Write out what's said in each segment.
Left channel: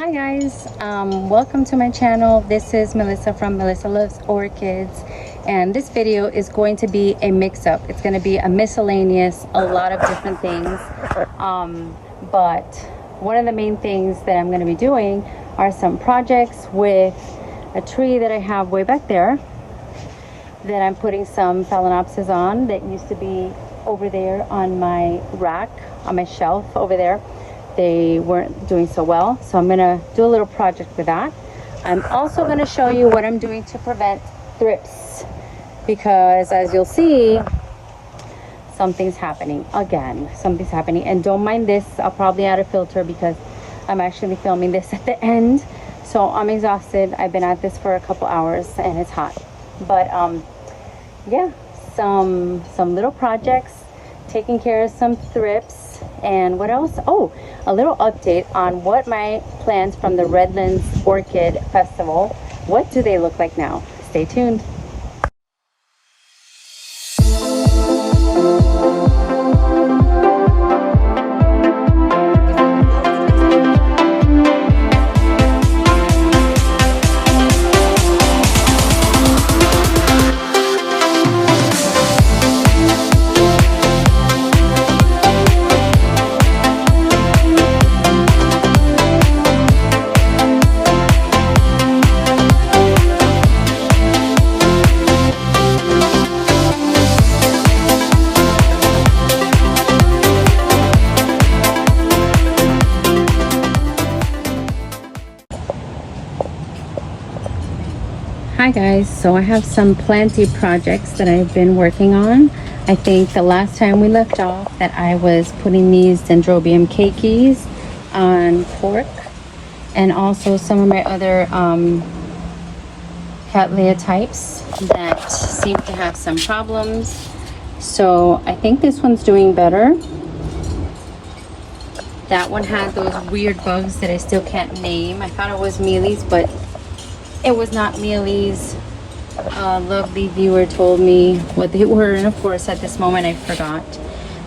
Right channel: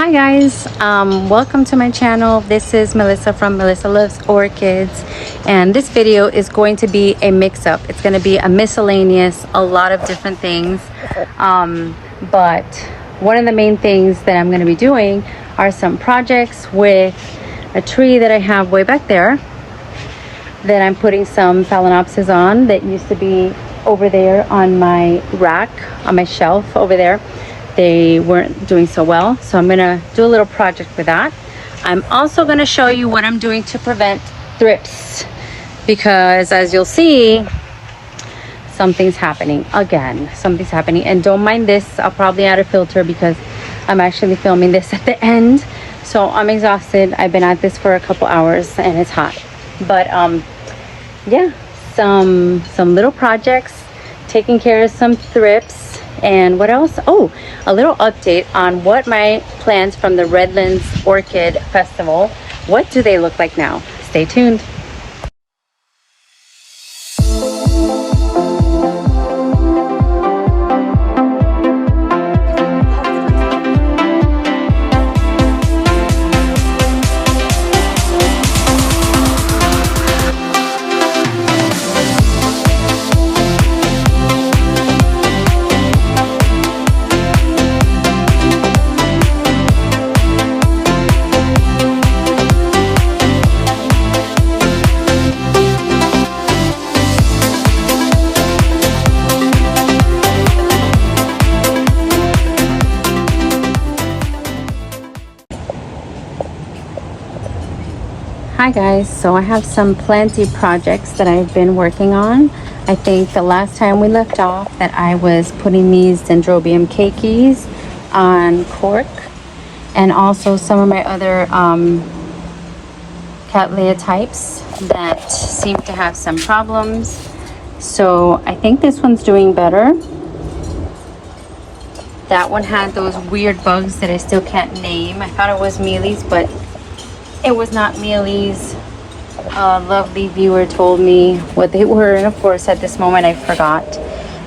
Hi guys, welcome to my channel. This is Melissa from Melissa Loves Orchids, and this video is going to be a mix-up. It's going to be a miscellaneous, a lot of different things, but one of the main things that I'm going to be doing are some projects with a tree that I have way back there that I'm putting some phalaenopsis on that used to be over there on my rack, on my shelf over there. They weren't doing so well, so I'm gonna do a little project with that. I'm also gonna show you what I'm doing to prevent thrips, because as you'll see, something's happening again. Something's happening, and don't mind this. I'll probably add a filter because I'm actually filming this at the end, so I'm exhausted. I've been at this for a couple hours and it's hot, but yeah, some little projects, taking care of some thrips. And what else? Oh, a little update on what my plans from the Redlands Orchid Festival, what do they look like now? Stay tuned. Hi guys, so I have some plenty projects that I've been working on. I think the last time we left off that I was putting these Dendrobium cakeys on cork, and also some of my other Cattleya types that seem to have some problems. So I think this one's doing better. That one had those weird bugs that I still can't name. I thought it was mealies, but it was not mealies. A lovely viewer told me what they were, and of course at this moment I forgot.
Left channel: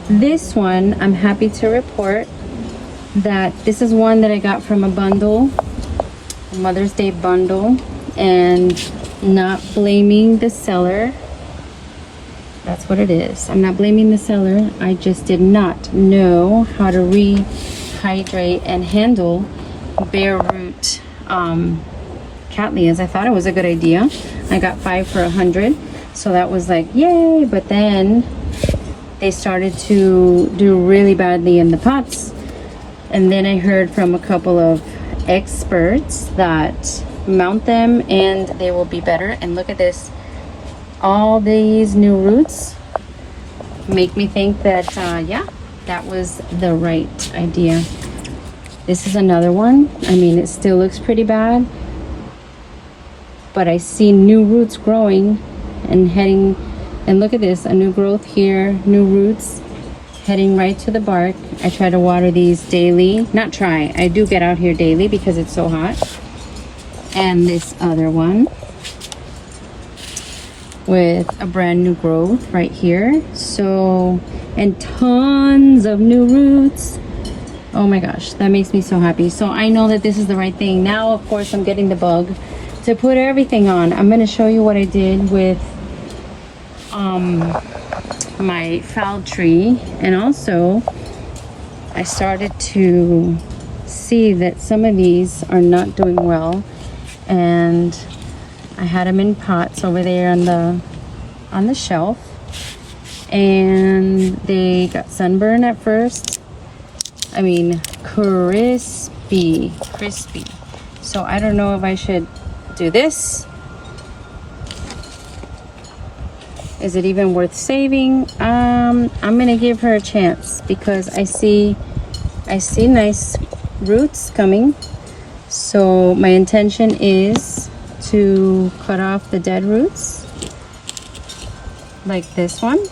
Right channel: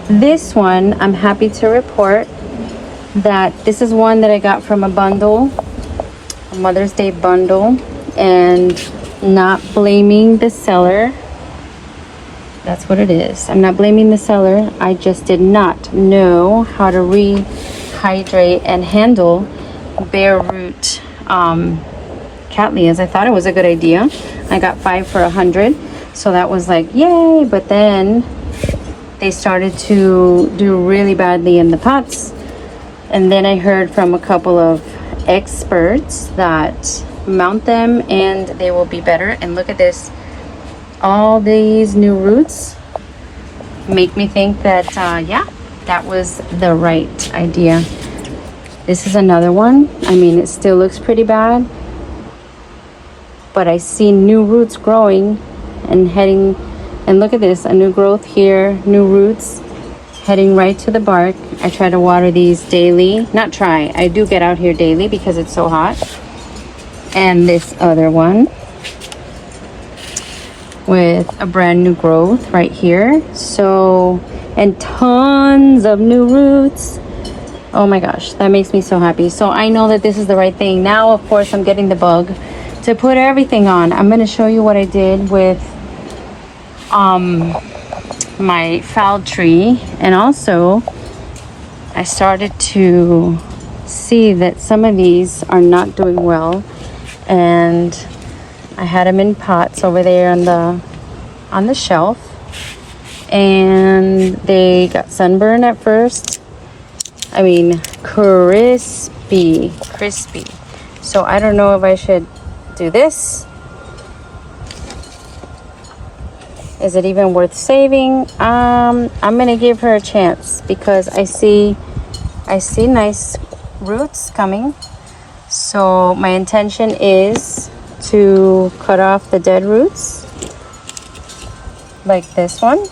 This one, I'm happy to report that this is one that I got from a bundle, a Mother's Day bundle, and not blaming the seller. That's what it is. I'm not blaming the seller. I just did not know how to rehydrate and handle bare root Cattleyas. I thought it was a good idea. I got 5 for $100, so that was like yay. But then they started to do really badly in the pots, and then I heard from a couple of experts that mount them and they will be better. And look at this, all these new roots make me think that yeah, that was the right idea. This is another one. I mean, it still looks pretty bad, but I see new roots growing and heading, and look at this, a new growth here, new roots heading right to the bark. I try to water these daily. Not try, I do get out here daily because it's so hot. And this other one with a brand new growth right here. So, and tons of new roots. Oh my gosh, that makes me so happy. So I know that this is the right thing. Now, of course, I'm getting the bug to put everything on. I'm going to show you what I did with my foul tree, and also I started to see that some of these are not doing well, and I had them in pots over there on the shelf, and they got sunburned at first. I mean, crispy. So I don't know if I should do this. Is it even worth saving? I'm gonna give her a chance because I see nice roots coming. So my intention is to cut off the dead roots like this one,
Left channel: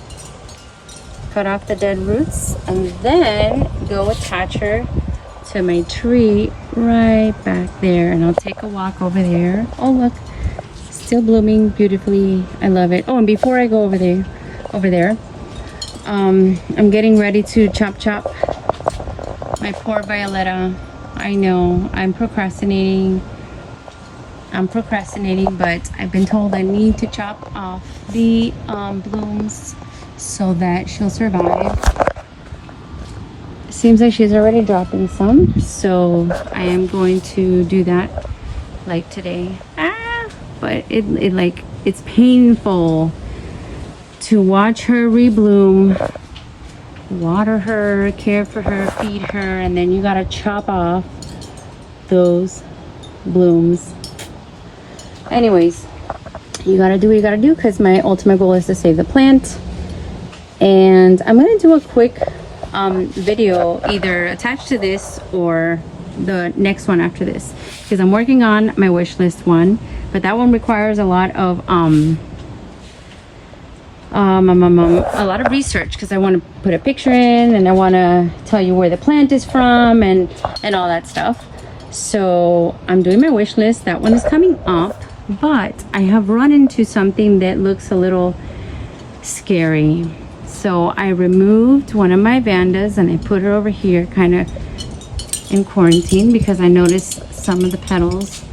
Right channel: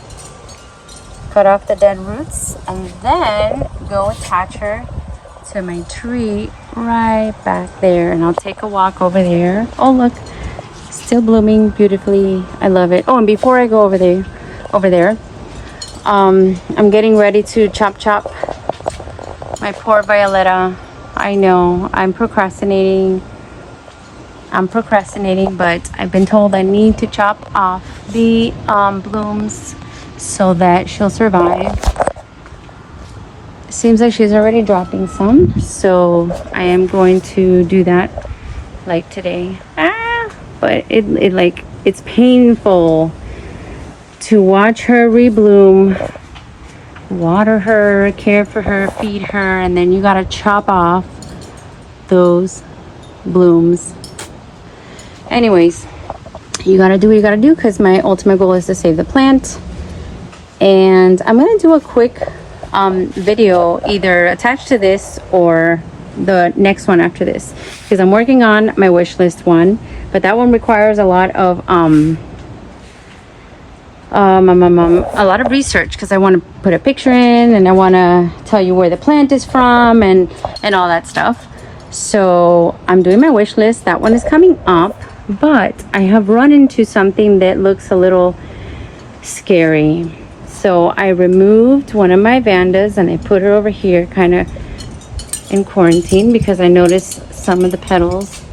cut off the dead roots, and then go attach her to my tree right back there. And I'll take a walk over there. Oh look, still blooming beautifully. I love it. Oh, and before I go over there, I'm getting ready to chop my poor Violetta. I know. I'm procrastinating. But I've been told I need to chop off the blooms so that she'll survive. Seems like she's already dropping some, so I am going to do that like today. But it's painful to watch her rebloom, water her, care for her, feed her, and then you gotta chop off those blooms. Anyways, you gotta do what you gotta do, because my ultimate goal is to save the plant. And I'm gonna do a quick video either attached to this or the next one after this, because I'm working on my wish list one, but that one requires a lot of research, because I want to put a picture in, and I want to tell you where the plant is from, and all that stuff. So I'm doing my wish list. That one is coming up, but I have run into something that looks a little scary. So I removed one of my Vandas and I put her over here kind of in quarantine, because I noticed some of the petals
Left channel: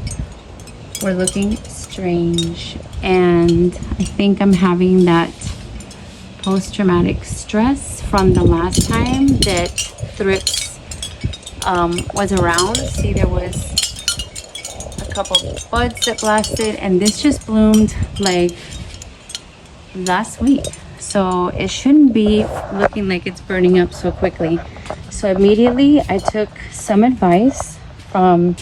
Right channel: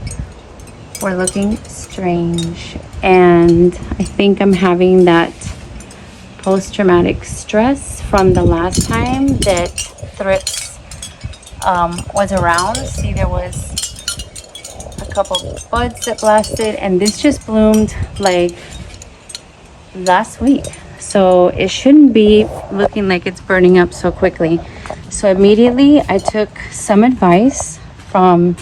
were looking strange, and I think I'm having that post-traumatic stress from the last time that thrips was around. See, there was a couple buds that blasted, and this just bloomed like last week. So it shouldn't be looking like it's burning up so quickly. So immediately I took some advice from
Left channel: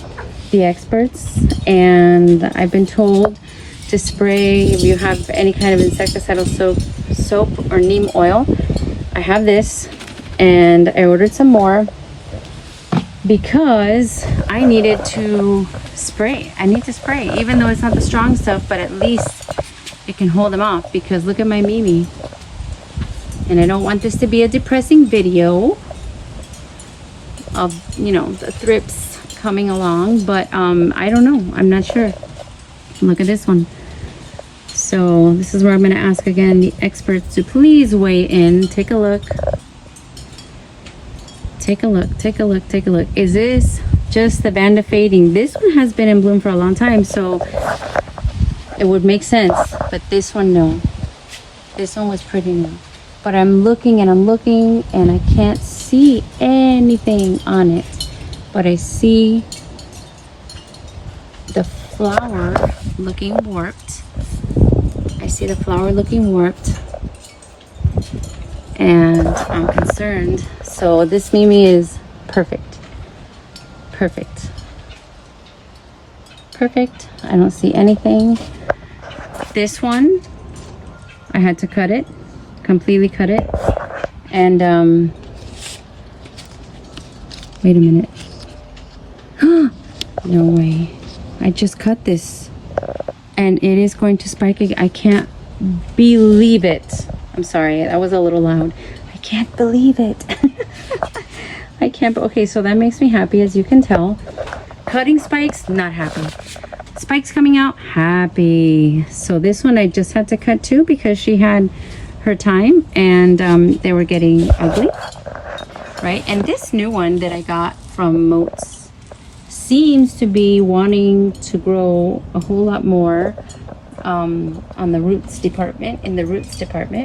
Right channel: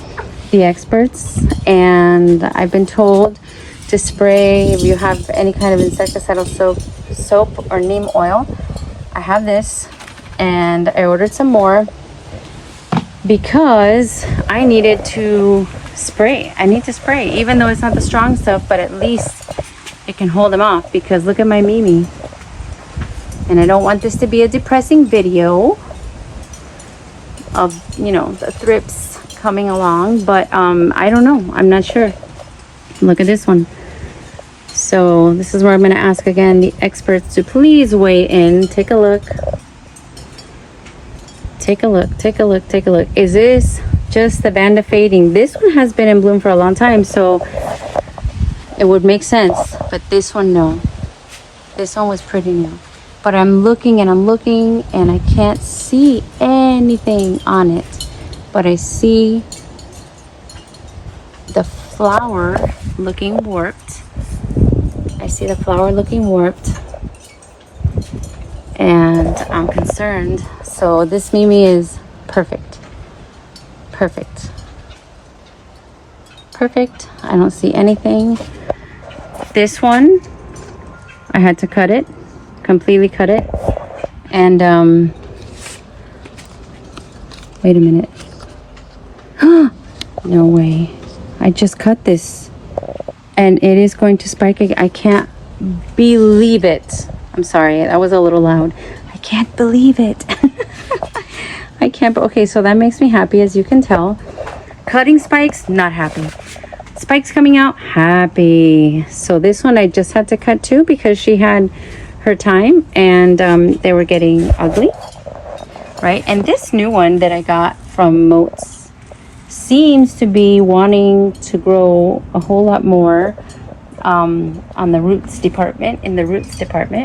the experts, and I've been told to spray, if you have any kind of insecticidal soap or neem oil. I have this, and I ordered some more because I needed to spray. I need to spray, even though it's not the strong stuff, but at least it can hold them off, because look at my Mimi. And I don't want this to be a depressing video of, you know, the thrips coming along, but I don't know. I'm not sure. Look at this one. So this is where I'm going to ask again the experts to please weigh in. Take a look. Take a look. Take a look. Take a look. Is this just the Vanda fading? This one has been in bloom for a long time, so it would make sense. But this one, no. This one was pretty new. But I'm looking and I'm looking and I can't see anything on it. But I see the flower looking warped. I see the flower looking warped. And I'm concerned. So this Mimi is perfect. Perfect. Perfect. I don't see anything. This one, I had to cut it. Completely cut it. And wait a minute. No way. I just cut this and it is going to spike again. I can't believe it. I'm sorry, that was a little loud. I can't believe it. I can't. Okay, so that makes me happy, as you can tell. Cutting spikes, not happy. Spikes coming out, happy. So this one I just had to cut too, because she had her time, and they were getting ugly, right? And this new one that I got from Moats seems to be wanting to grow a whole lot more on the roots department,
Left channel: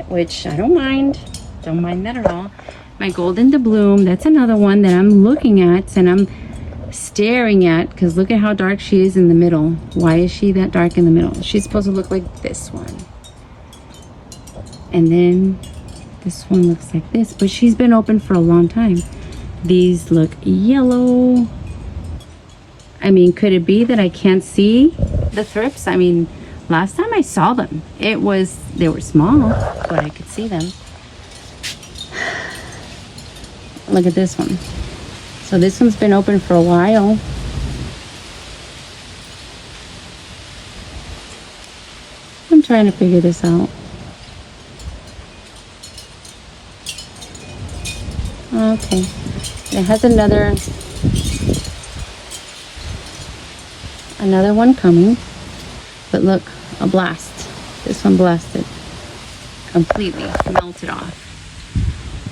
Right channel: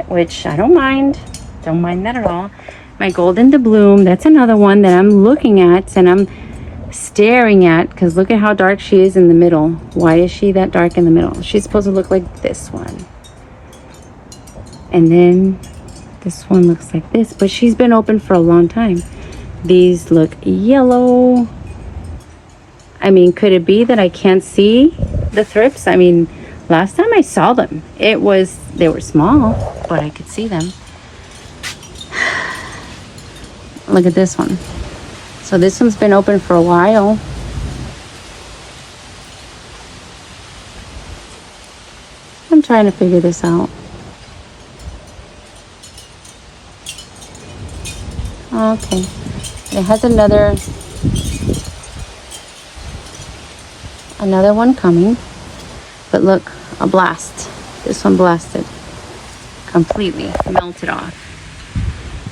which I don't mind that at all. My Golden to Bloom, that's another one that I'm looking at and I'm staring at, because look at how dark she is in the middle. Why is she that dark in the middle? She's supposed to look like this one. And then this one looks like this, but she's been open for a long time. These look yellow. I mean, could it be that I can't see the thrips? I mean, last time I saw them, they were small, but I could see them. Look at this one. So this one's been open for a while. I'm trying to figure this out. Okay, it has another one coming, but look, a blast. This one blasted, completely melted off.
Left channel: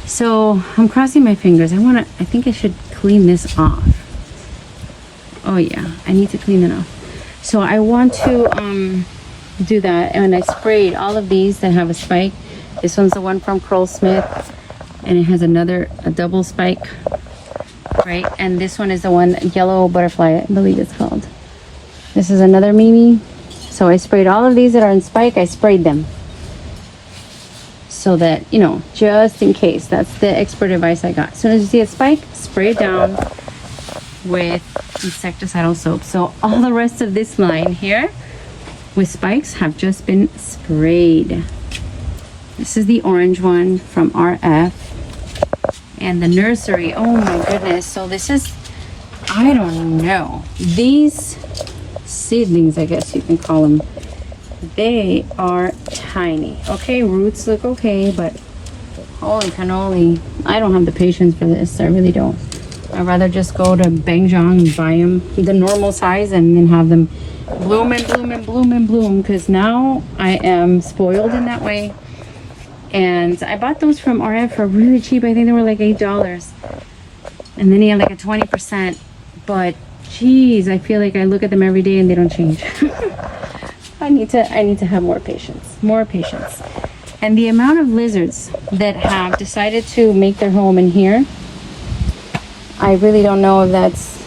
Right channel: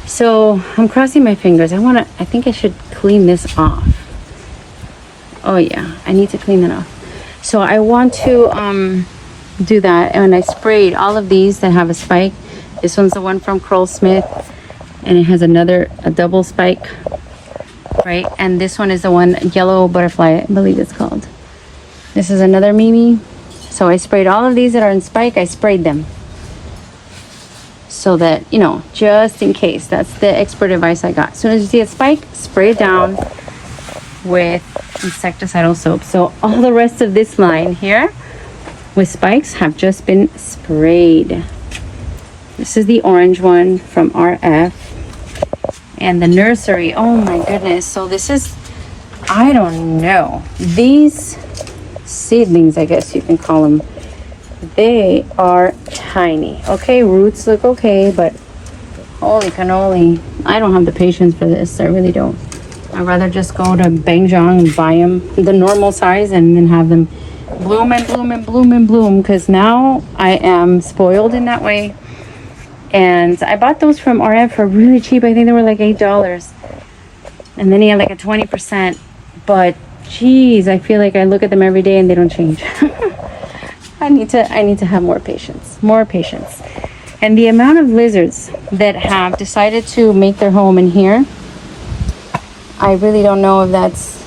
So I'm crossing my fingers. I think I should clean this off, Oh yeah, I need to clean that off. So I want to do that, and I sprayed all of these that have a spike. This one's the one from Curl Smith, and it has a double spike, right? And this one is the one, yellow butterfly, I believe it's called. This is another Mimi. So I sprayed all of these that are in spike. I sprayed them so that, you know, just in case. That's the expert advice I got. As soon as you see a spike, spray it down with insecticidal soap. So all the rest of this line here with spikes have just been sprayed. This is the orange one from RF. And the nursery, oh my goodness. So this is, I don't know, these seedlings, I guess you can call them, they are tiny. Okay, roots look okay, but holy cannoli, I don't have the patience for this. I really don't. I'd rather just go to Bangjong and buy them the normal size and then have them bloom and bloom and bloom and bloom, because now I am spoiled in that way. And I bought those from RF for really cheap. I think they were like $8, and then he had like a 20%. But geez, I feel like I look at them every day and they don't change. I need to have more patience. And the amount of lizards that have decided to make their home in here, I really don't know if that's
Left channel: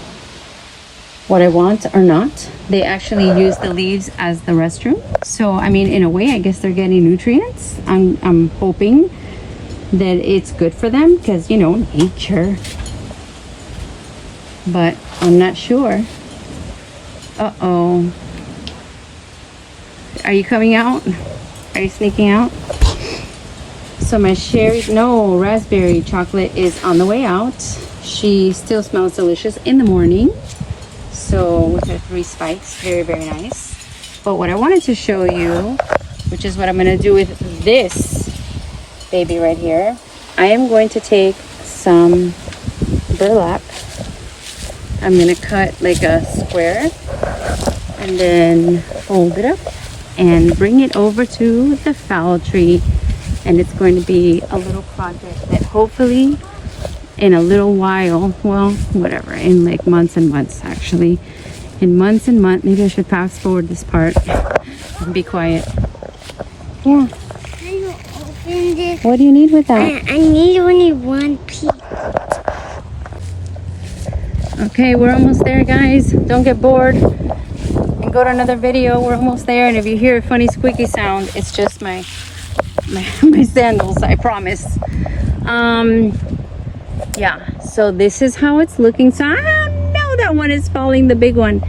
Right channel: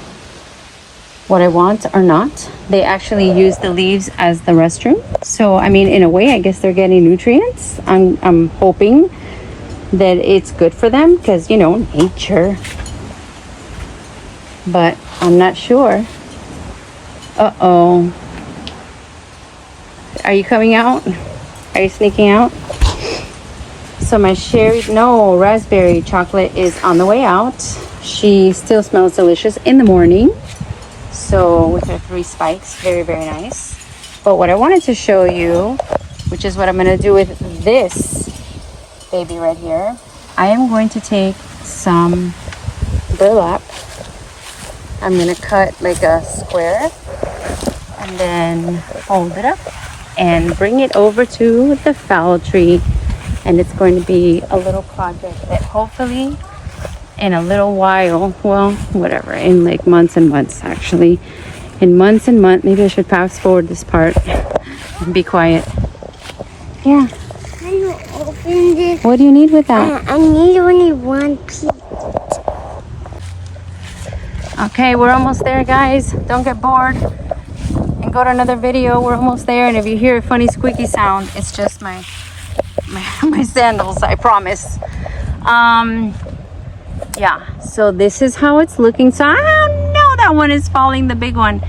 what I want or not. They actually use the leaves as the restroom. So, I mean, in a way, I guess they're getting nutrients. I'm hoping that it's good for them because, you know, nature. But I'm not sure. Uh-oh. Are you coming out? Are you sneaking out? So my raspberry chocolate is on the way out. She still smells delicious in the morning. So with her 3 spikes, very, very nice. But what I wanted to show you, which is what I'm going to do with this baby right here, I am going to take some burlap. I'm going to cut like a square and then fold it up and bring it over to the foul tree. And it's going to be a little project that hopefully in a little while, well, whatever, in like months and months, actually. In months and months, maybe I should fast forward this part and be quiet. Yeah. Can you open this? What do you need with that? I need only one piece. Okay, we're almost there, guys. Don't get bored and go to another video. We're almost there, and if you hear a funny squeaky sound, it's just my sandals, I promise. Yeah, so this is how it's looking. So I don't know, that one is falling, the big one.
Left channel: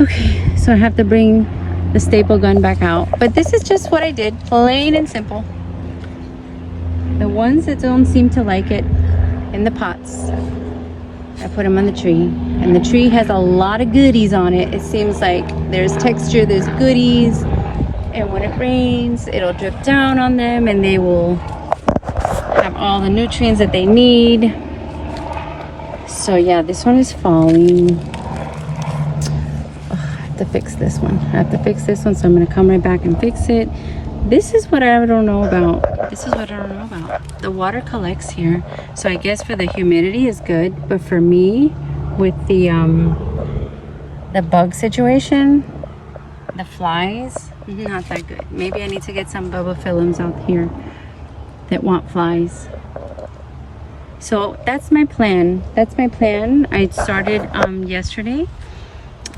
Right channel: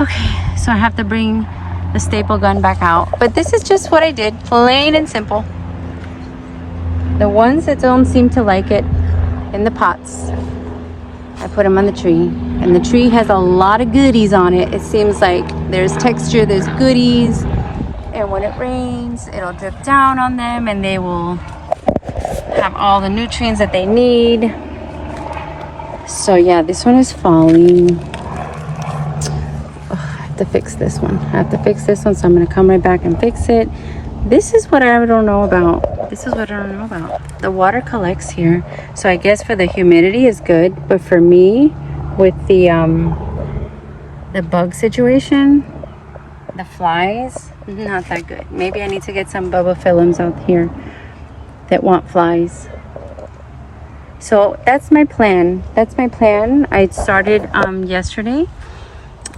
Okay, so I have to bring the staple gun back out. But this is just what I did, plain and simple. The ones that don't seem to like it in the pots, I put them on the tree. And the tree has a lot of goodies on it. It seems like there's texture, there's goodies. And when it rains, it'll drip down on them and they will have all the nutrients that they need. So yeah, this one is falling. Oh, I have to fix this one. I have to fix this one, so I'm gonna come right back and fix it. This is what I don't know about. The water collects here. So I guess for the humidity is good, but for me, with the bug situation, the flies, not that good. Maybe I need to get some bubba out here that want flies. So that's my plan. I started yesterday,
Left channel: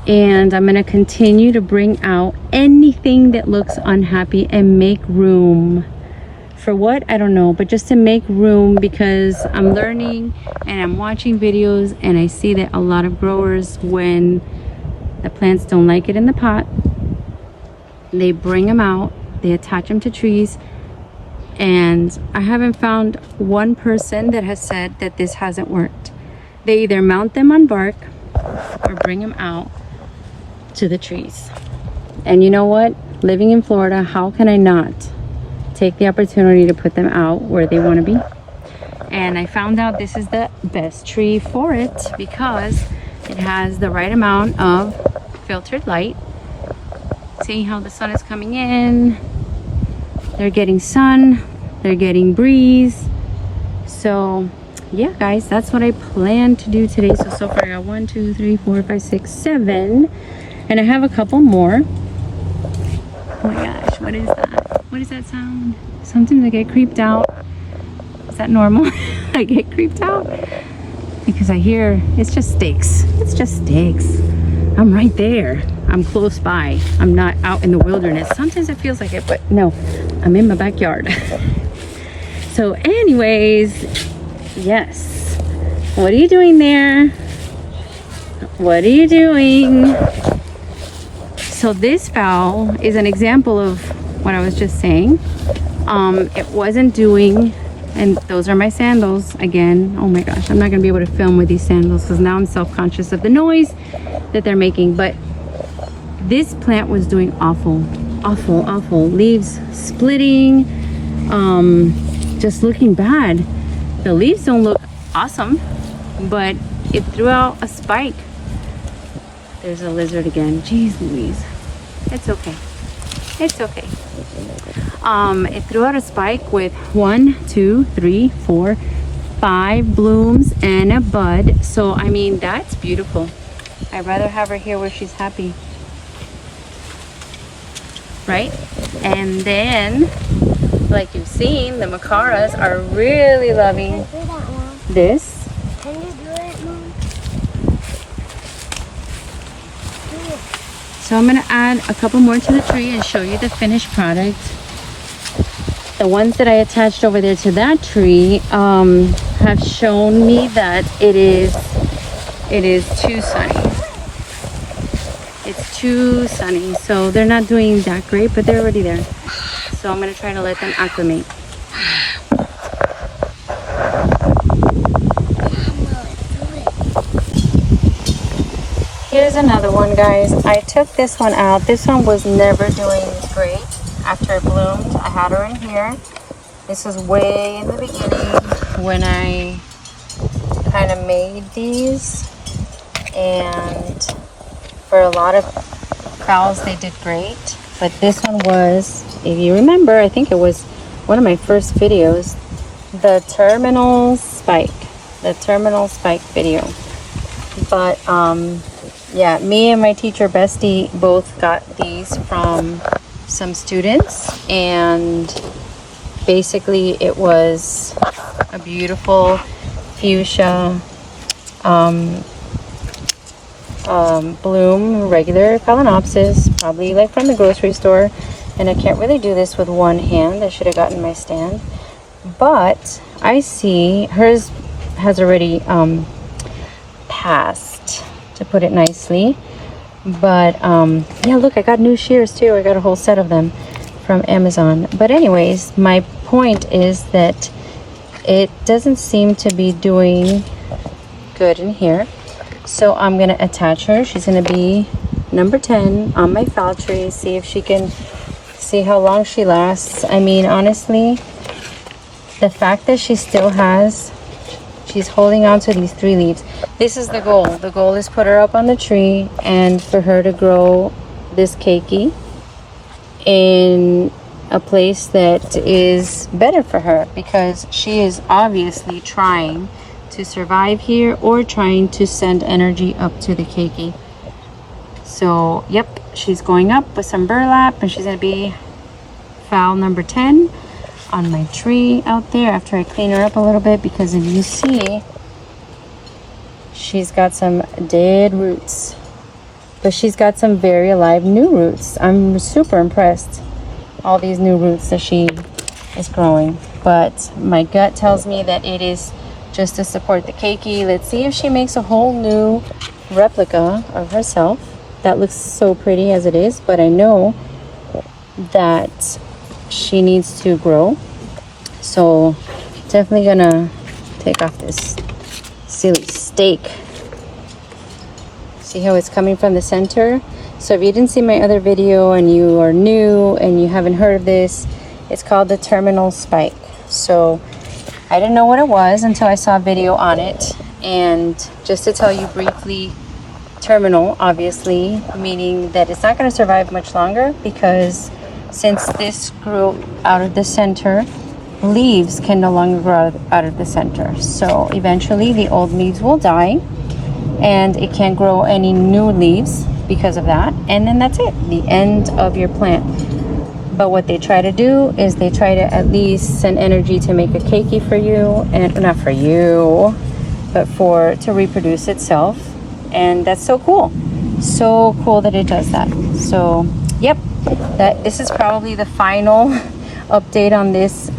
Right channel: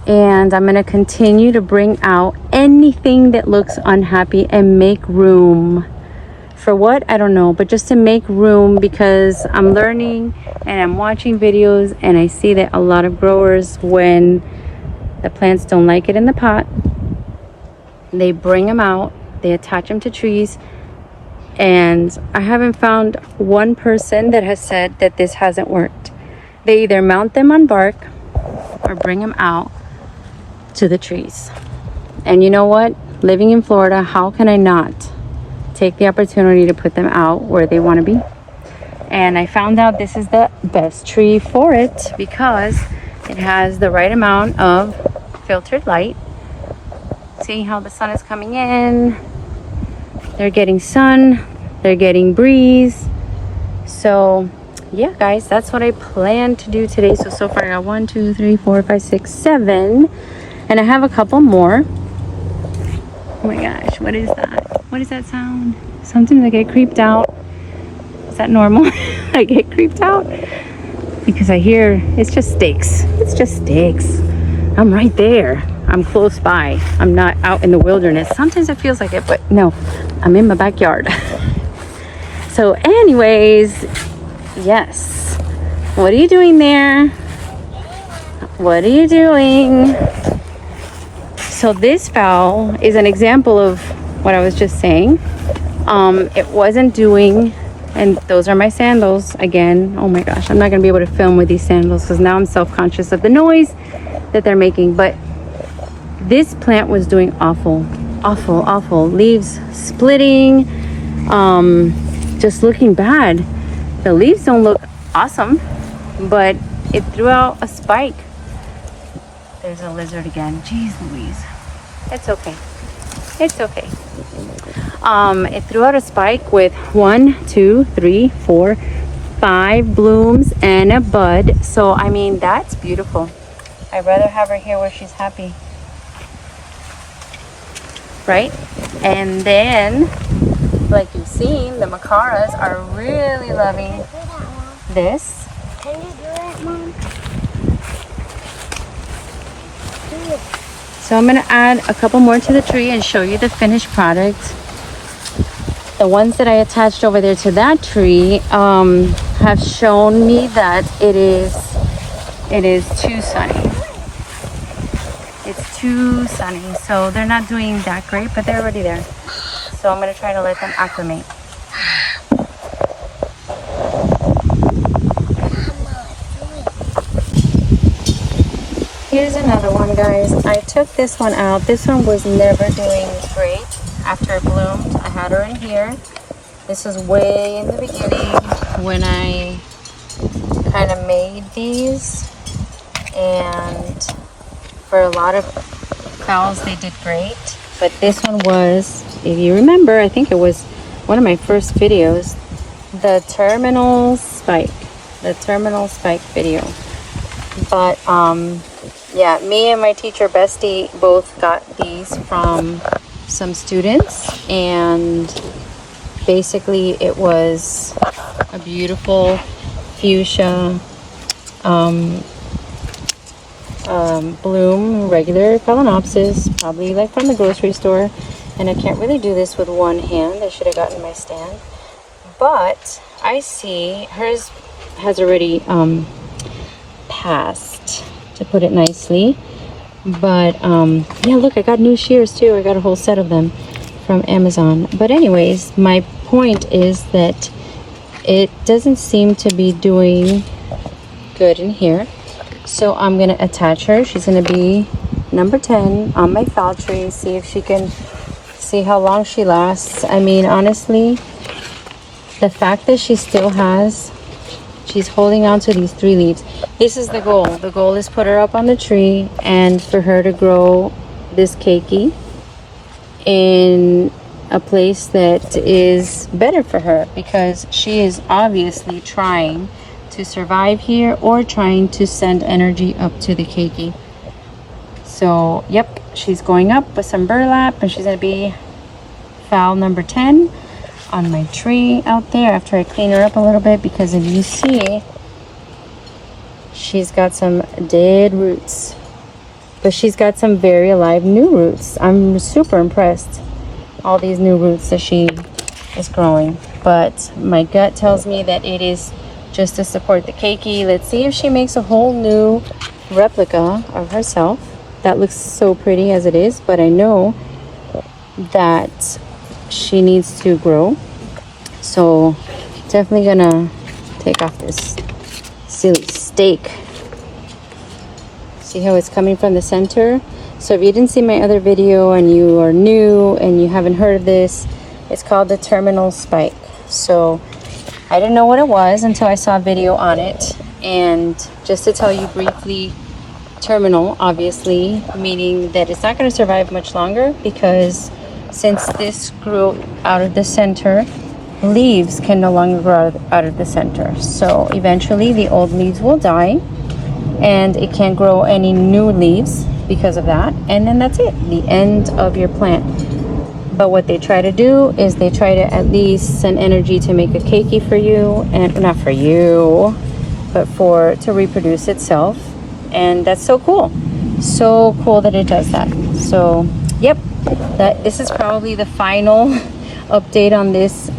and I'm gonna continue to bring out anything that looks unhappy and make room. For what? I don't know, but just to make room, because I'm learning and I'm watching videos and I see that a lot of growers, when the plants don't like it in the pot, they bring them out, they attach them to trees. And I haven't found one person that has said that this hasn't worked. They either mount them on bark or bring them out to the trees. And you know what? Living in Florida, how can I not take the opportunity to put them out where they want to be? And I found out this is the best tree for it because it has the right amount of filtered light. See how the sun is coming in? They're getting sun, they're getting breeze. So yeah, guys, that's what I plan to do today. So far I got 1, 2, 3, 4, 5, 6, 7, and I have a couple more. Oh my gosh, what is that? What is that sound? Sometimes I get creeped out. Is that normal? I get creeped out because I hear it's just sticks. It's just sticks. I'm right there. I'm close by. I'm not out in the wilderness. Sometimes it feels like it, but no, I'm in my backyard. So anyways, yes. What are you doing there? What are you doing? So this fowl is an example of what I was just saying. It wasn't doing, and those are my sandals again. Oh my gosh, I'm not gonna be able to film with these sandals because now I'm self-conscious of the noise that they're making. But this plant was doing awful. Leaves splitting, just looking bad. The leaves don't look awesome, but it threw out a spike. There's a lizard again. Jeez Louise. It's okay. It's okay. It threw out a spike with 1, 2, 3, 4, 5 blooms and a bud. So I mean, that's beautiful. I'd rather have her here where she's happy, right? And then, like you've seen, the macaras are really loving this. So I'm gonna add a couple more to the tree and show you the finished product. The ones that I attached over there to that tree have shown me that it is too sunny. It's too sunny, so they're not doing that great, but they're already there. So I'm gonna try to let them acclimate. Here's another one, guys. I took this one out. This one was never doing great after it bloomed. I had her in here. This was way in the beginning when I kind of made these, and for a lot of fowls they did great, but this one was, if you remember, I think it was one of my first videos, the terminal spike video. But yeah, me and my teacher bestie both got these from some students, and basically it was a beautiful fuchsia bloom, regular phalaenopsis, probably like from the grocery store. And I can't really do this with one hand. I should have gotten my stand, but I see hers has already passed, to put it nicely. But yeah, look, I got new shears too. I got a whole set of them from Amazon. But anyways, my point is that it doesn't seem to be doing good in here, so I'm gonna attach her. She's gonna be number 10 on my fowl tree. See if she can, see how long she lasts. I mean, honestly, the fact that she still has, she's holding on to these 3 leaves. This is the goal. The goal is put her up on the tree and for her to grow this keiki in a place that is better for her, because she is obviously trying to survive here or trying to send energy up to the keiki. So yep, she's going up with some burlap, and she's going to be fowl number 10 on my tree out there after I clean her up a little bit, because if you see, she's got some dead roots, but she's got some very alive new roots. I'm super impressed, all these new roots that she is growing. But my gut tells me that it is just to support the keiki. Let's see if she makes a whole new replica of herself. That looks so pretty as it is, but I know that she needs to grow. So definitely gonna take off this silly stake. See how it's coming from the center? So if you didn't see my other video and you are new and you haven't heard of this, it's called the terminal spike. So I didn't know what it was until I saw a video on it. And just to tell you briefly, terminal, obviously, meaning that it's not going to survive much longer, because since this grew out of the center, leaves can no longer grow out of the center. So eventually the old leaves will die and it can't grow any new leaves because of that. And then that's it, the end of your plant. But what they try to do is they try to at least send energy to make a keiki for you, and not for you, but to reproduce itself. And that's so cool. So cool that it does that. So yep, this is probably the final update on this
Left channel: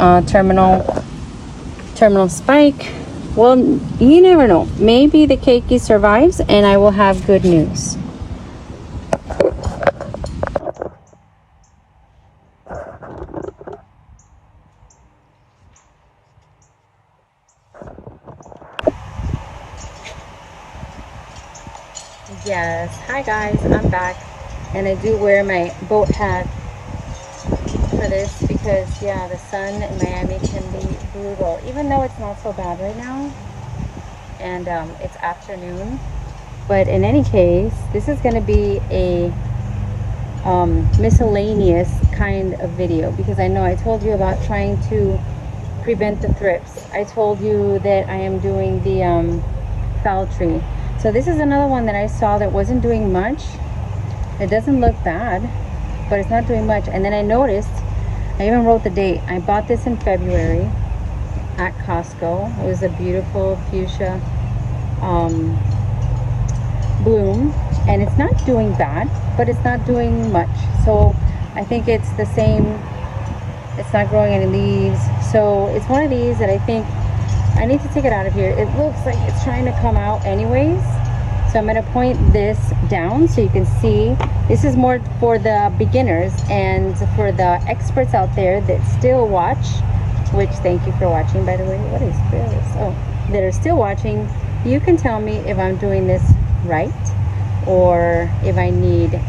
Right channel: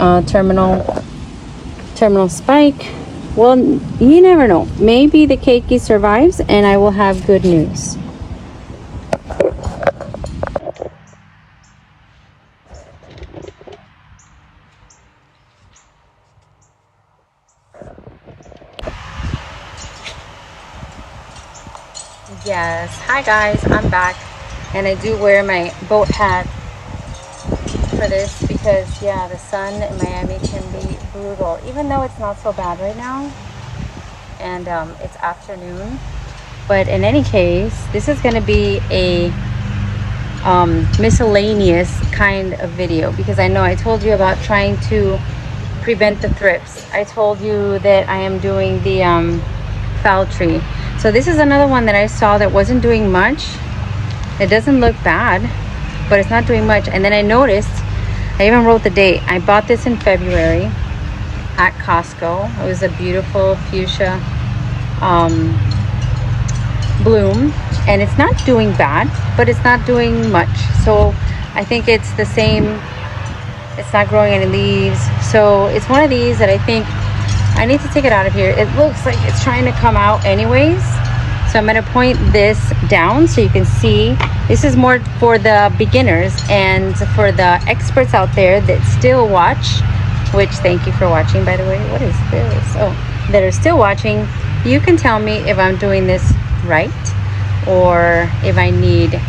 terminal spike. Well, you never know. Maybe the keiki survives and I will have good news. Yes, hi guys, I'm back, and I do wear my boat hat for this because yeah, the sun in Miami can be brutal, even though it's not so bad right now, and it's afternoon. But in any case, this is going to be a miscellaneous kind of video because I know I told you about trying to prevent the thrips. I told you that I am doing the foul tree. So this is another one that I saw that wasn't doing much. It doesn't look bad, but it's not doing much. And then I noticed, I even wrote the date. I bought this in February at Costco. It was a beautiful fuchsia bloom, and it's not doing bad, but it's not doing much. So I think it's the same. It's not growing any leaves. So it's one of these that I think I need to take it out of here. It looks like it's trying to come out anyways. So I'm going to point this down so you can see. This is more for the beginners and for the experts out there that still watch, which thank you for watching, by the way. What is this? Oh, that are still watching. You can tell me if I'm doing this right or if I need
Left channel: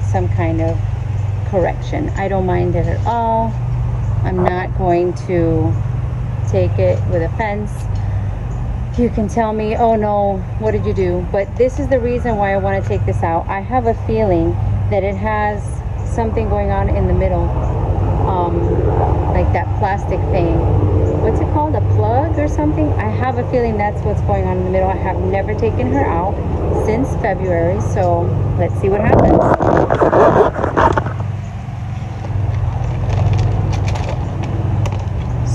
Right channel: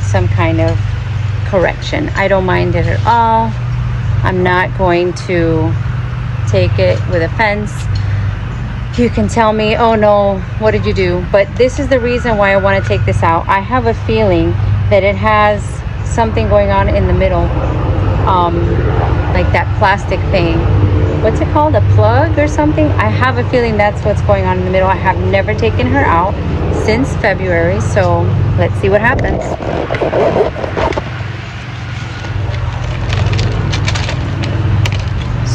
some kind of correction. I don't mind it at all. I'm not going to take it with offense. You can tell me, oh no, what did you do? But this is the reason why I want to take this out. I have a feeling that it has something going on in the middle, like that plastic thing. What's it called? A plug or something? I have a feeling that's what's going on in the middle. I have never taken her out since February, so let's see what happens.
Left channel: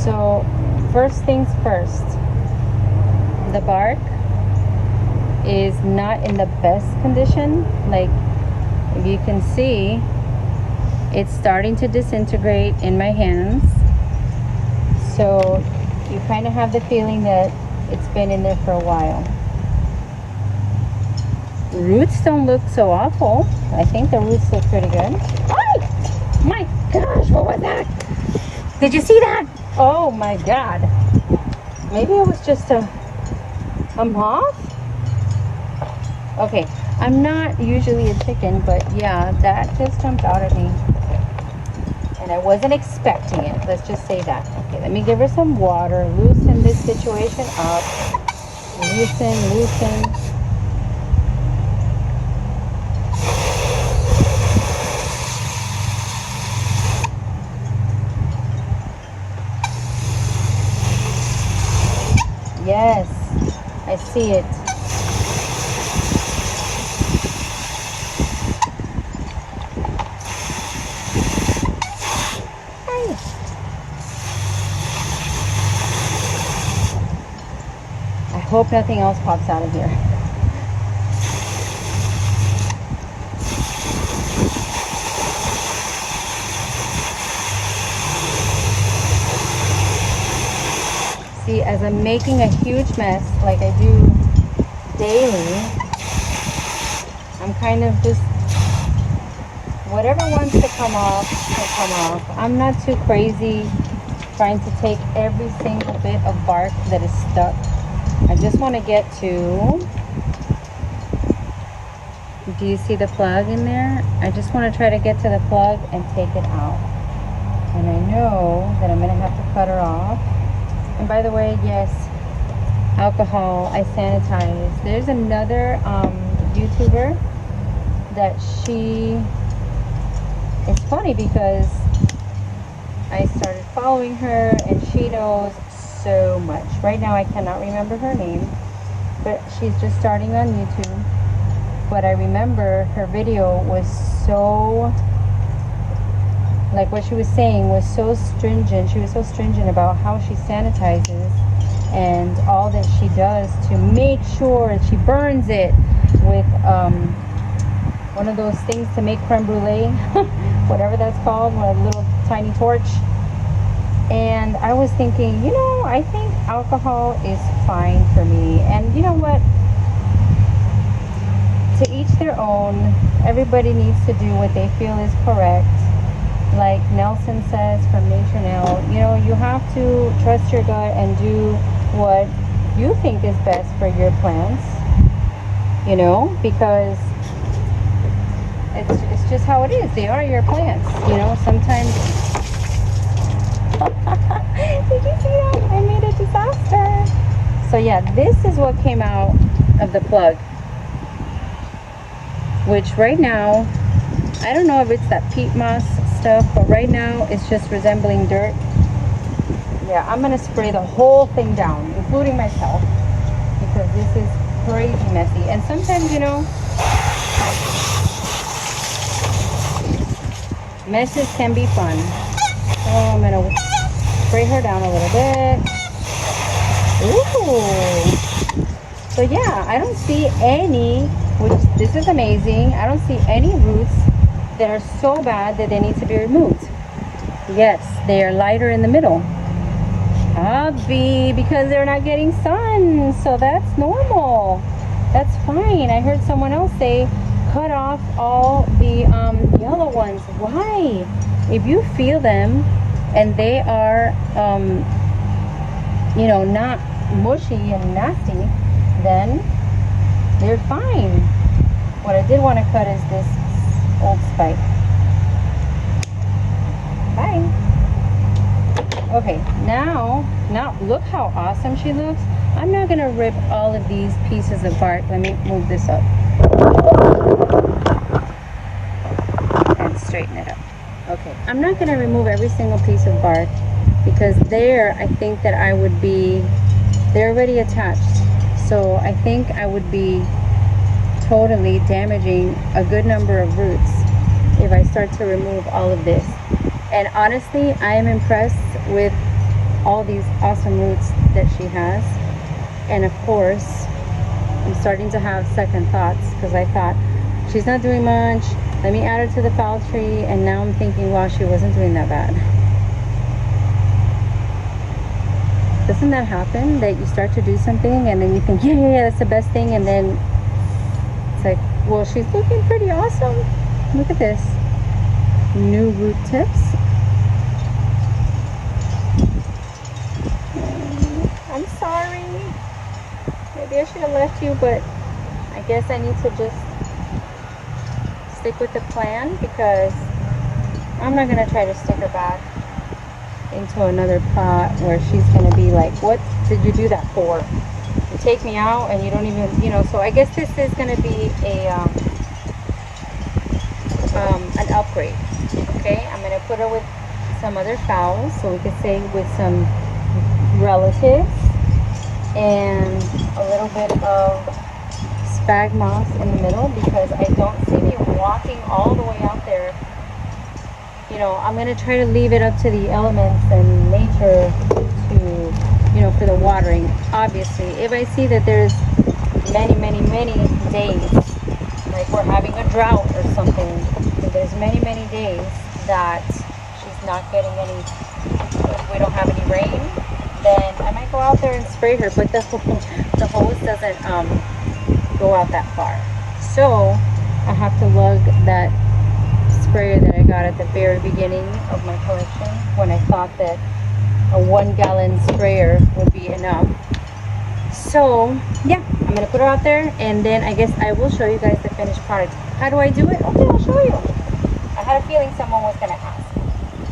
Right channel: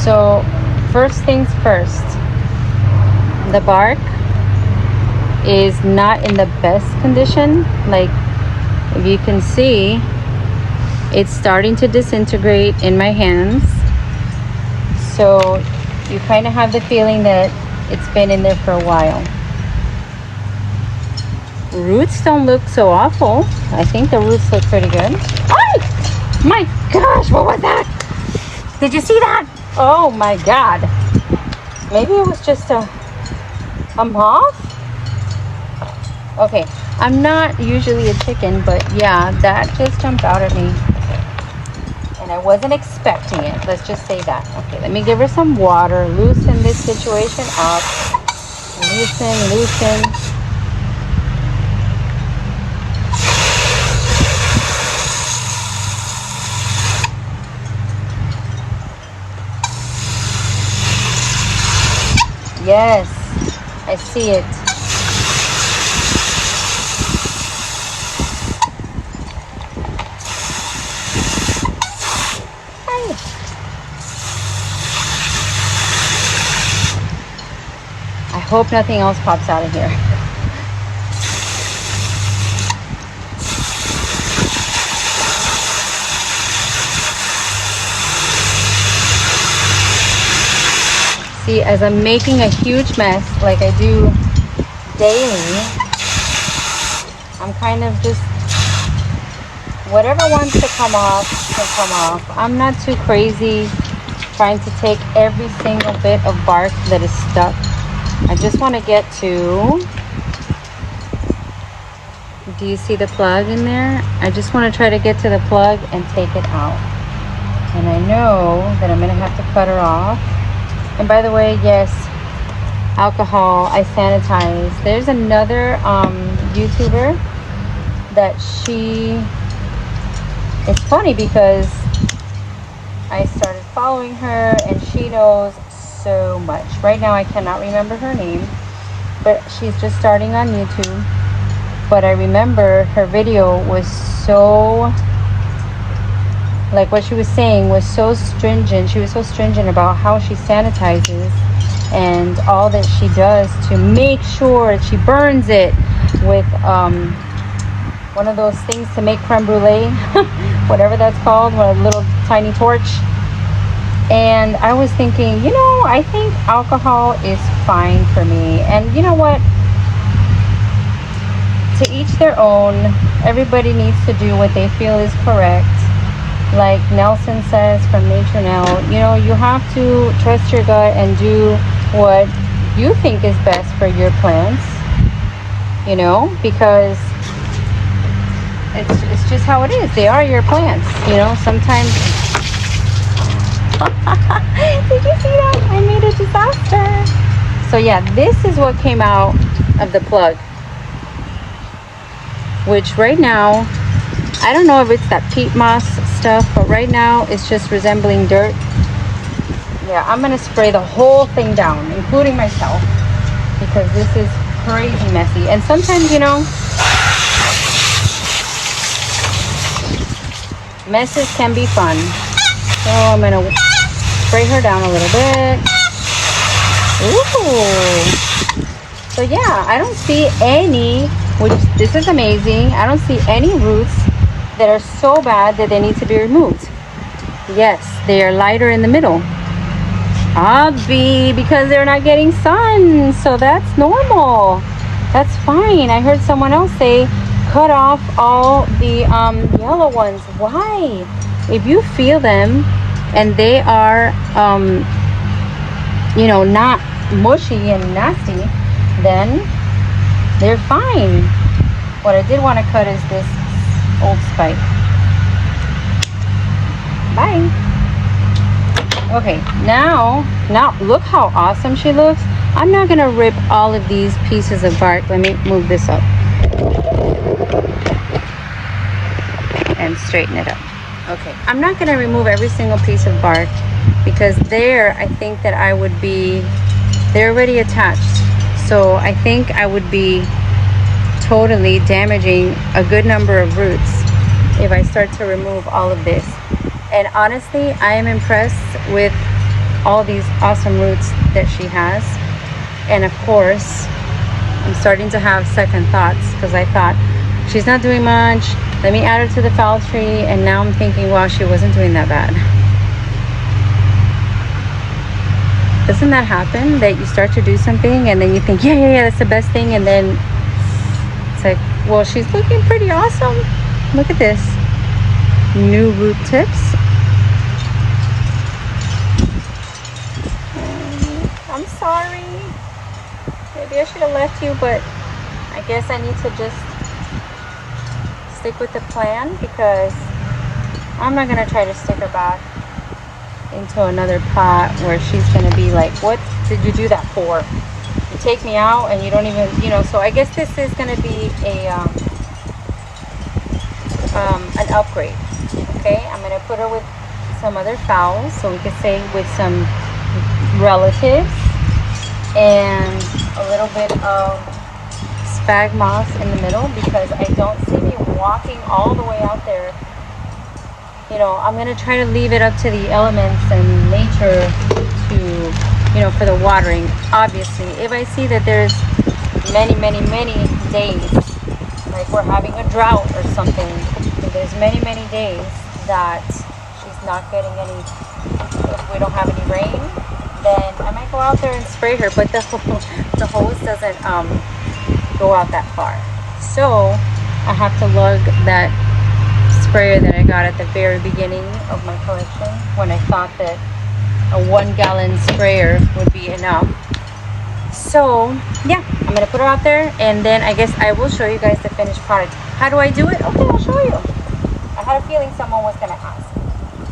So first things first, the bark is not in the best condition. Like if you can see, it's starting to disintegrate in my hands. So you kind of have the feeling that it's been in there for a while. Roots don't look so awful. I think the roots look pretty good. Oh my gosh, what was that? Did you see that? Oh my god. Maybe it was just a moth? Okay, I'm not usually a chicken, but yeah, that just jumped out at me. And I wasn't expecting it. Let's just say that. Okay, let me give her some water. Loosen this situation up. Loosen. Yes, I see it. Hi. I hope nothing else pops out of here. See, as I'm making a huge mess like I do daily, I'm kind of just, whatever wants to come off, will come off. I'm not too crazy trying to take every single bit of bark that is stuck. I just want to get to, do you see the plug in there? I just want to try to get to the plug and take it out. And I know that I'm going to have to cut her off. And by the way, yes, alcohol, I sanitize. There's another YouTuber that it's funny because I started following her, and she knows so much. Right now I cannot remember her name, but she's just starting on YouTube. But I remember her video was so, like what she was saying was so stringent. She was so stringent about how she sanitizes and all that she does to make sure she burns it with one of those things to make creme brulee, whatever that's called, with a little tiny torch. And I was thinking, you know, I think alcohol is fine for me. And you know what? To each their own. Everybody needs to do what they feel is correct. Like Nelson says from Nature Now, you know, you have to trust your gut and do what you think is best for your plants, you know, because it's just how it is. They are your plants, you know. Sometimes did you see that? I made a disaster. So yeah, this is what came out of the plug, which right now, I don't know if it's that peat moss stuff, but right now it's just resembling dirt. Yeah, I'm gonna spray the whole thing down, including myself, because this is crazy messy. And sometimes, you know, messes can be fun. So I'm gonna spray her down a little bit. Ooh. So yeah, I don't see any, which this is amazing. I don't see any roots that are so bad that they need to be removed. Yes, they are lighter in the middle. Because they're not getting sun, so that's normal. That's fine. I heard someone else say, cut off all the yellow ones. Why? If you feel them and they are, you know, not mushy and nasty, then they're fine. What I did want to cut is this old spike. Bye. Okay, now look how awesome she looks. I'm not gonna rip all of these pieces of bark. Let me move this up and straighten it up. Okay, I'm not gonna remove every single piece of bark, because there I think that I would be, they're already attached, so I think I would be totally damaging a good number of roots if I start to remove all of this. And honestly, I am impressed with all these awesome roots that she has. And of course, I'm starting to have second thoughts, because I thought, she's not doing much, let me add her to the fall tree. And now I'm thinking, wow, she wasn't doing that bad. Doesn't that happen, that you start to do something and then you think, yeah, that's the best thing, and then it's like, well, she's looking pretty awesome. Look at this. New root tips. I'm sorry. Maybe I should have left you, but I guess I need to just stick with the plan, because I'm not gonna try to stick her back into another pot where she's gonna be like, what did you do that for? You take me out and you don't even, you know. So I guess this is gonna be a an upgrade. Okay, I'm gonna put her with some other fowls, so we could say with some relatives, and a little bit of spag moss in the middle, because I don't see me walking all the way out there. You know, I'm gonna try to leave it up to the elements and nature to, you know, for the watering. Obviously, if I see that there's many days, like we're having a drought or something, if there's many days that she's not getting any, if we don't have any rain, then I might go out there and spray her. But the hose doesn't go out that far, so I have to lug that sprayer that I got at the very beginning of my collection, when I thought that a 1 gallon sprayer would be enough. So yeah, I'm gonna put her out there, and then I guess I will show you guys the finished product. How do I do it? Okay, I'll show you. I had a feeling someone was gonna ask.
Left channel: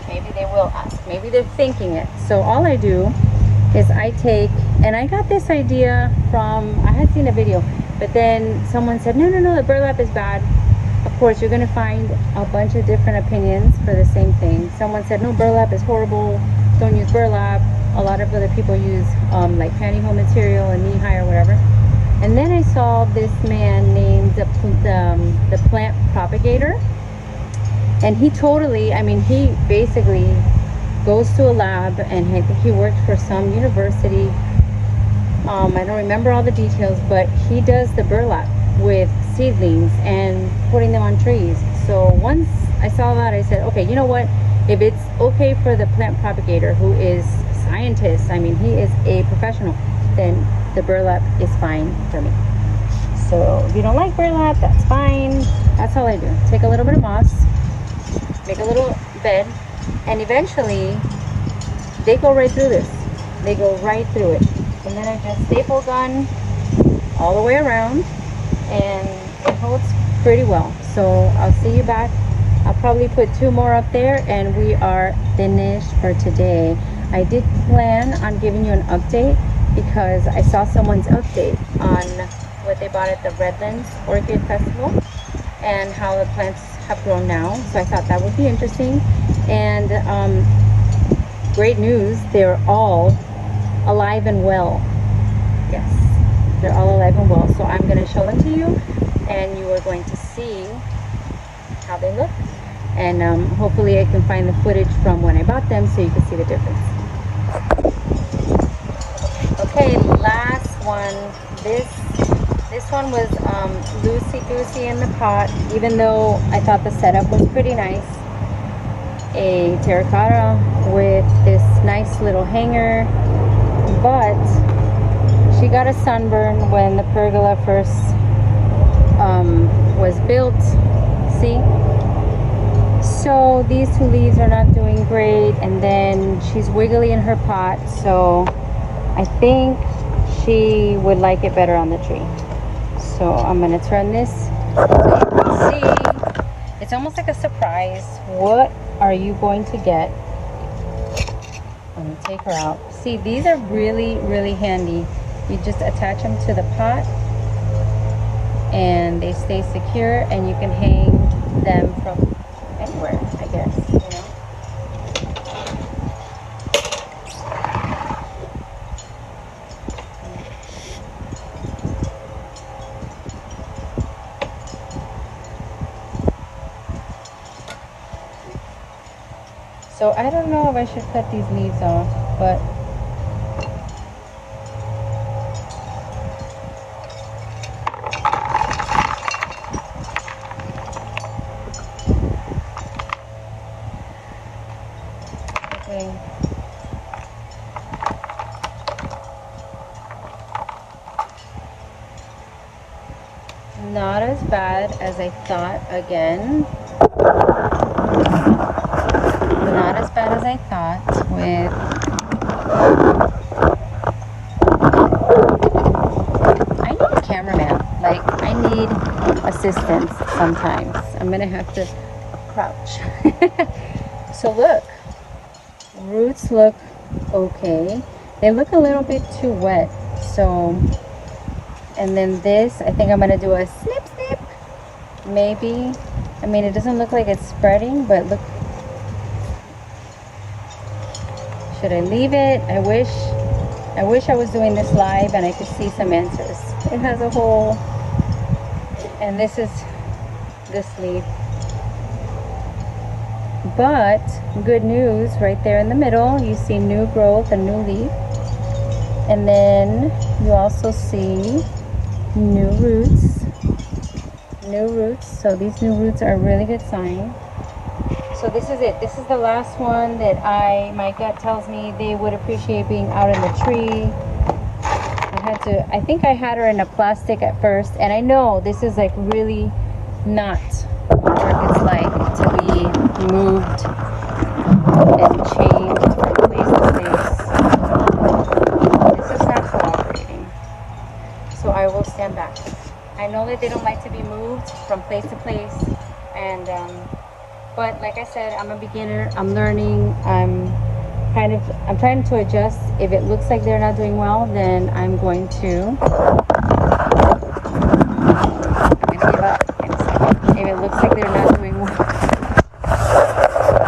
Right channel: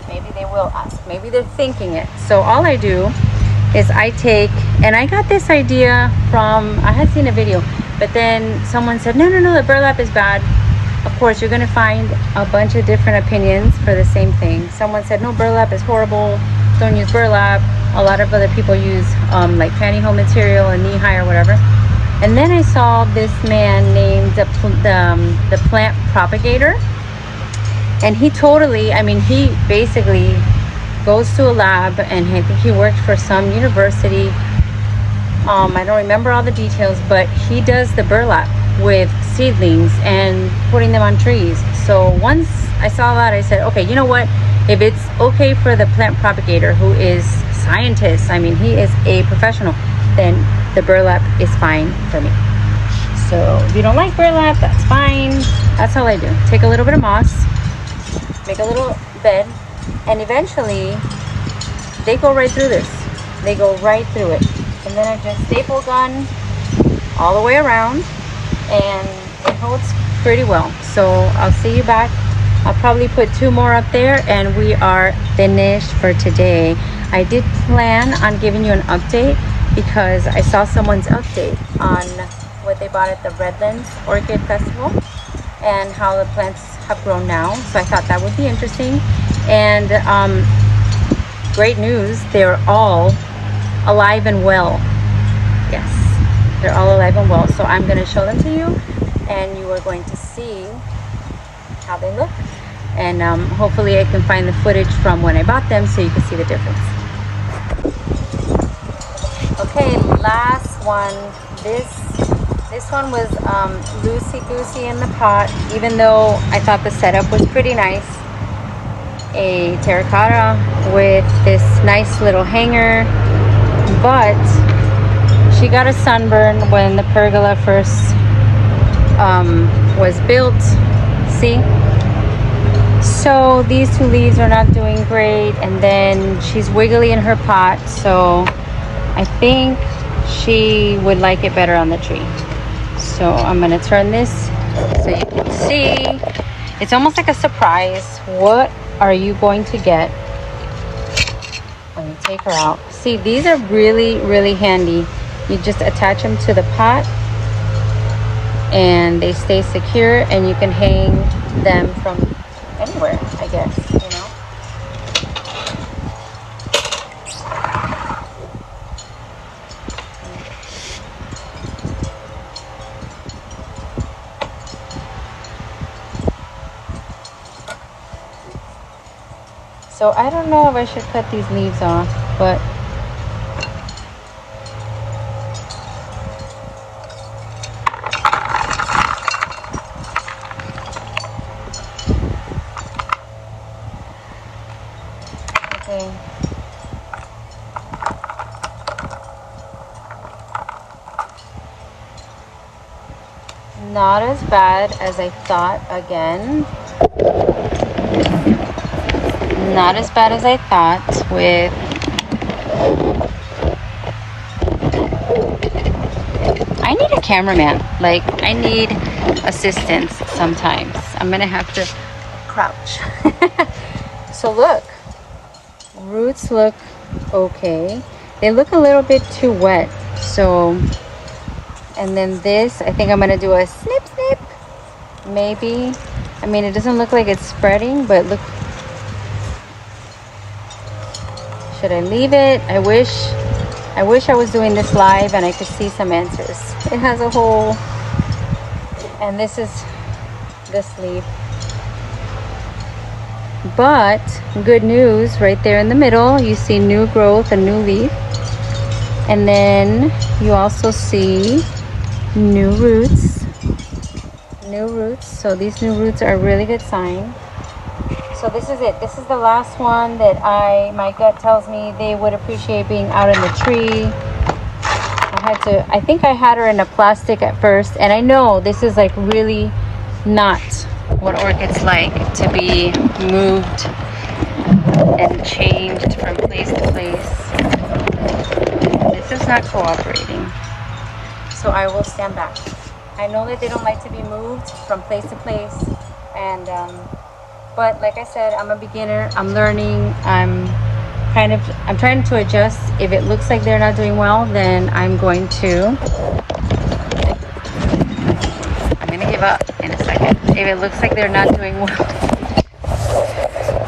Maybe they will ask, maybe they're thinking it. So all I do is I take, and I got this idea from, I had seen a video, but then someone said, no, the burlap is bad. of course, you're gonna find a bunch of different opinions for the same thing. Someone said, no, burlap is horrible, don't use burlap. A lot of other people use like pantyhose material or knee-high or whatever. And then I saw this man named the plant propagator, and he totally, I mean, he basically goes to a lab, and I think he worked for some university. I don't remember all the details, but he does the burlap with seedlings and putting them on trees. So once I saw that, I said, okay, you know what? If it's okay for the plant propagator, who is scientist, I mean, he is a professional, then the burlap is fine for me. So if you don't like burlap, that's fine. That's all I do. Take a little bit of moss, make a little bed, and eventually they go right through this. They go right through it. And then I just staple gun all the way around, and it holds pretty well. So I'll see you back. I'll probably put 2 more up there, and we are finished for today. I did plan on giving you an update because I saw someone's update on what they bought at the Redlands Orchid Festival and how the plants have grown now. So I thought that would be interesting. And great news, they're all alive and well. Yes, they're all alive and well. So I'm going to show them to you, and you are going to see how they look. And hopefully I can find the footage from when I bought them so you can see the difference. Okay, last one. This one was loosey-goosey in the pot, even though I thought the setup was pretty nice. A terracotta with this nice little hanger, but she got a sunburn when the pergola first was built. See? So these 2 leaves are not doing great, and then she's wiggly in her pot, so I think she would like it better on the tree. So I'm gonna turn this so you can see. It's almost like a surprise. What are you going to get when you take her out? See, these are really, really handy. You just attach them to the pot and they stay secure, and you can hang them from anywhere, I guess, you know. So I don't know if I should cut these leaves off, but okay. Not as bad as I thought again. Not as bad as I thought with I need a cameraman. Like, I need assistance sometimes. I'm gonna have to crouch. So look, roots look okay. They look a little bit too wet. So, and then this, I think I'm gonna do a snip snip. Maybe. I mean, it doesn't look like it's spreading, but look. Should I leave it? I wish I was doing this live and I could see some answers. It has a hole, and this is this leaf. But good news, right there in the middle, you see new growth, a new leaf. And then you also see new roots. New roots. So these new roots are a really good sign. So this is it. This is the last one that my gut tells me they would appreciate being out in the tree. I think I had her in a plastic at first, and I know this is like really not what orchids like, to be moved and changed from place to place. This is not cooperating. So I will stand back. I know that they don't like to be moved from place to place, and but like I said, I'm a beginner. I'm learning. I'm trying to adjust. If it looks like they're not doing well, then I'm going to give up in a second. If it looks like they're not doing well,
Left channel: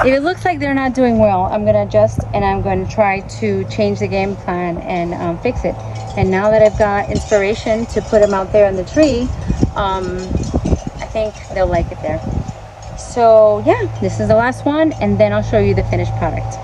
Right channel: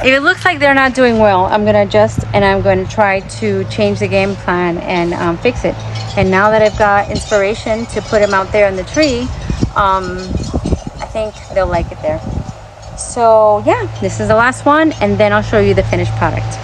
if it looks like they're not doing well, I'm gonna adjust and I'm going to try to change the game plan and fix it. And now that I've got inspiration to put them out there on the tree, I think they'll like it there. So yeah, this is the last one, and then I'll show you the finished product.